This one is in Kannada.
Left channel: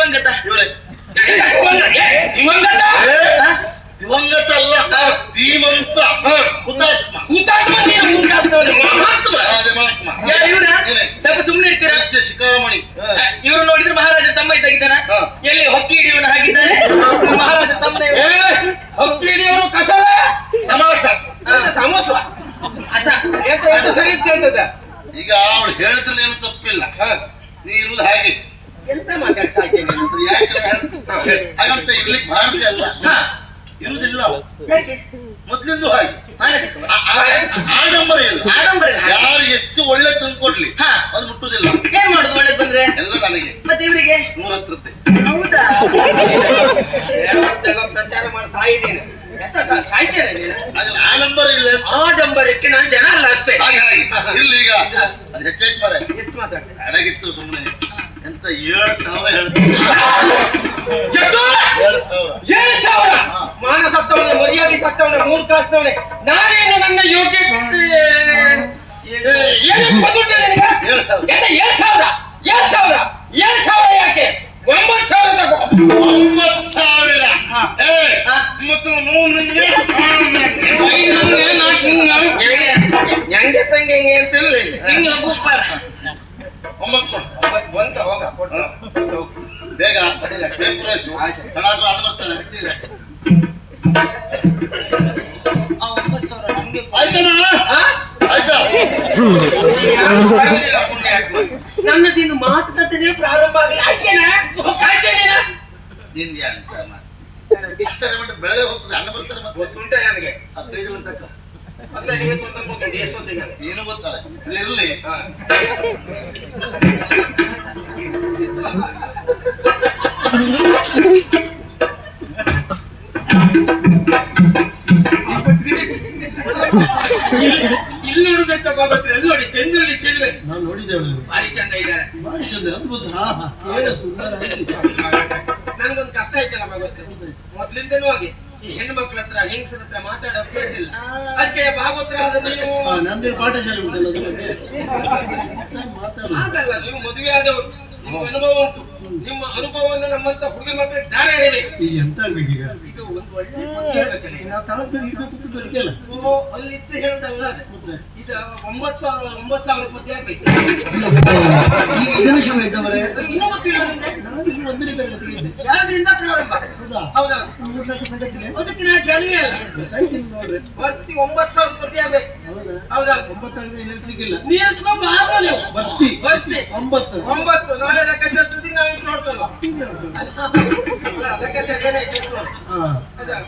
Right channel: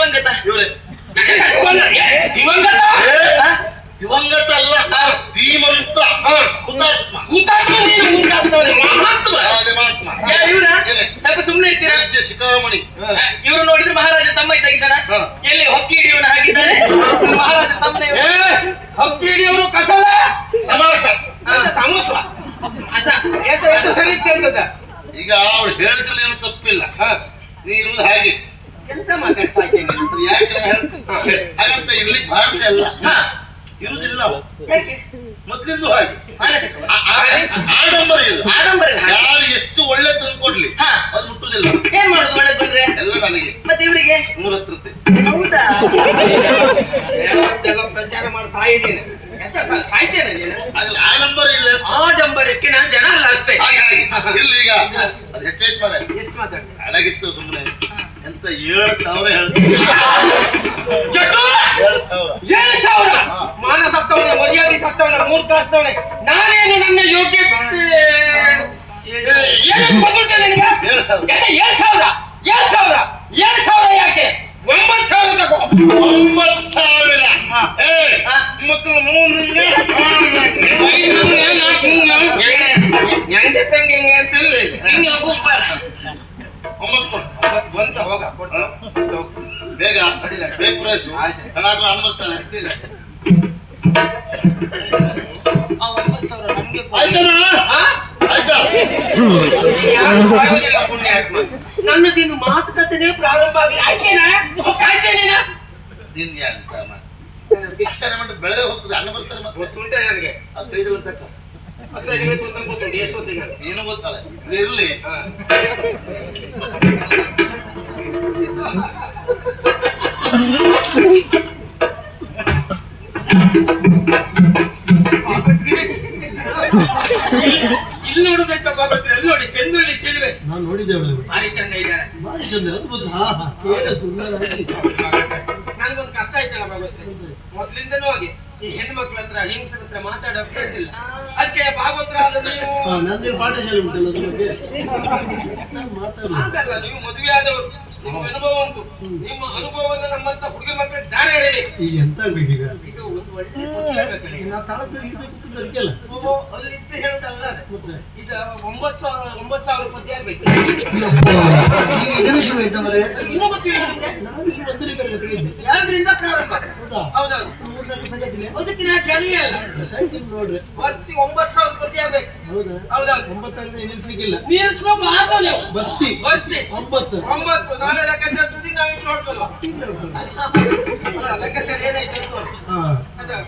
ದಿವಂಗತ ಇವರೇ ದಿವಂಗತ ದಿವಂಗತ ಅಲ್ಲ, ಧೀಮಂತ ಹುತಾತ್ಮ. ಹುತಾತ್ಮ ಮಹಾತ್ಮ. ಯಾರು ಇವ್ರ? ಸ್ವಲ್ಪ ಸುಮ್ಮನೆ ಇರ್ತೀರಾ? ಶಿಖಾಮಣಿ. ಇವರು ನೋಡಿದ್ರೆ ಮಹಾರಾಜ ತಮ್ಮ ಇದ್ದಾಗಿದ್ದಾರ. ಎಲ್ಲಿ ಹೊಕ್ಕಿ ಹಿಡಿಯವನ ಹಾಗಿದ್ದಾನೆ ಮಹಾರಾಜ ತಮ್ಮನ. ಹೊಕ್ಕಿ ಹಿಡಿಯವರು ಕಸಲ ಸಮಾಸ ಸಮೋಸ ಅಸ ಸರಿ ಅಂತದ. ಈಗ ಅವಳು ಹೇಳಿದ್ರೆ ಏನು ತಪ್ಪಿಲ್ಲ, ನೀ ಇರುವುದು ಹಾಗೆ. ಎಂತ ಮಾತಾಡ್ತಾ ಇದ್ದೇನೆ ಹಾಗಂತ ಇರ್ಲಿಕ್ಕೆ ಭಾರತ ಅಲ್ಲ, ಇರುವುದಿಲ್ಲ ಮೊದ್ಲಿಂದು ಹಾಗೆ. ಆಡಂಬರ ಇಲ್ಲ, ಯಾರು ಎಷ್ಟು ಒಳ್ಳೆ ತಂದ್ಕೊಡ್ಲಿ ಅದು ಮುಟ್ಟುದಿಲ್ಲ. ಏನ್ ಮಾಡುದು ಒಳ್ಳೆ ಬಂದ್ರೆ ಎಲ್ಲ ನನಗೆ ಮತ್ತೆ ಇವರಿಗೆ 3 ಹತ್ರತೆ. ಹೌದಾ? ಪ್ರಚಾರ ಮಾಡಿ ಸಾಯಿದ್ದೇನೆ ಸಾಯ್ತೇನೆ ನೀನು. ಆಡಂಬರ ಇಲ್ಲ, ಆಡಂಬರಕ್ಕೆ ನಾನು ಜನ ಅಲ್ಲ ಅಷ್ಟೇ. ಇಲ್ಲಿ ಈಗ ಅದು ಹೆಚ್ಚಾಯ್ತು ಮಾರ. ಎಷ್ಟು ಮಾತಾಡ್ತೇನೆ ಅಡಗಿತ್ತು ಸುಮ್ಮನೆ. ಎಂತ 7,000 ಹೇಳ್ತೀನಿ. 7,000 ಮಾನ ಸತ್ತವನೆ, ಮರ್ಯಾದೆ ಸತ್ತವನೆ, 3 ಕಳಿಸ್ತವನೆ. ನಾನೇನು ನನ್ನ ಯೋಗ್ಯ ನಿನಗ 7,000 ಯಾಕೆ? 9,000 ತಗೋ. 9,000 ಮತ್ತು 3 ಹೆಂಗೆ ಪಂಗೆ ಹೆಂಗೆ ಅಂತ ಬೇಗ ಬೇಕಾಯ್ತು ಅನುಭವಿಸ್ತಾನೆ. ಆಯ್ತನಾ? ಆಯ್ತಾ? ನನ್ನದಿನ್ನು ಮಾತುಕತೆ ಪ್ರಾರಂಭ ಆಗಲಿ. ಆಯ್ತೇನಾ? ನಿನ್ ಯಾರು ಬಿಸ್ತಾರೆ ಮಾಡಿ ಬೆಳಗ್ಗೆ ಹೋಗ್ತದೆ. ಅನ್ನ ಬರ್ತಾರೆ ಗೊತ್ತುಂಟ ನನಗೆ 15 ತಕ್ಕ ನೀನು ಗೊತ್ತಲ್ಲ. ಇರ್ಲಿ ಇಲ್ಲಿ ನೋಡುದಕ್ಕ ಬಾಬತ್ರ ಎಲ್ಲಿ ನೋಡಿ ಚಂದುಳ್ಳಿ ಚೆಲುವೆ ನಾನು ನೋಡಿದ್ದೇವೆ. ಭಾರಿ ಚಂದ ಇದ್ದಾರೆ. ನನ್ಗೊಂದು ಕಷ್ಟ ಆಯ್ತಲ್ಲ ಭಾಗವತ್ರ. ಮೊದ್ಲಿಂದನೂ ಹಾಗೆ ಈ ಹೆಣ್ಣು ಮಕ್ಳ ಹತ್ರ ಹೆಂಗಸರ ಹತ್ರ ಮಾತಾಡೋಕೆ ಅದಕ್ಕೆ ಭಾಗವತ್ರ ಆದ ನೀವು ನಂದೇ ಪಾಠಶಾಲೆ ಉಂಟಲ್ಲ ಹಾಗಲ್ಲ. ನೀವು ಮದುವೆ ಆದವರು, ನಿಮ್ಗೆ ಅನುಭವ ಉಂಟು. ನಿಮ್ಮ ಅನುಭವವನ್ನು ನಮ್ಮಂತ ಹುಡುಗಿ ಮಕ್ಕಳಿಗೆ ದಾರ ಹೇಳಿ. ಎಂತ ಬೇಕೀಗ ಇದು ಒಂದು ಒಳ್ಳೆ ಅಲ್ಲಿತ್ತು ಹೇಳುದಲ್ಲ. ಇದು 9,000 ಪದ್ಯ ಆಗ್ಬೇಕು. ಇನ್ನೊಬ್ಬ ಯಾವ್ದ್ರಿಂದ ಪ್ರಾರಂಭ? ಹೌದೌದು, ಅದಕ್ಕೆ ನಾ ಜನ ಅಲ್ಲ. ಬರ್ತಿ 9,000 ಪದ್ಯ ಆಗ್ಬೇಕು. ಹೌದೌದು, ನಿಲ್ಲಿಸ್ಕೊಂಡು ಬರ್ತಿ 9 ನಾಳೆ ಲೆಕ್ಕಾಚಾರ ಸುದ್ದಿ ನಾವು ಇಟ್ಟು ನೋಡ್ಕೊಳ್ಳೋ. ಲೆಕ್ಕಾಚಾರ ಏನಾಯ್ತು 9,000.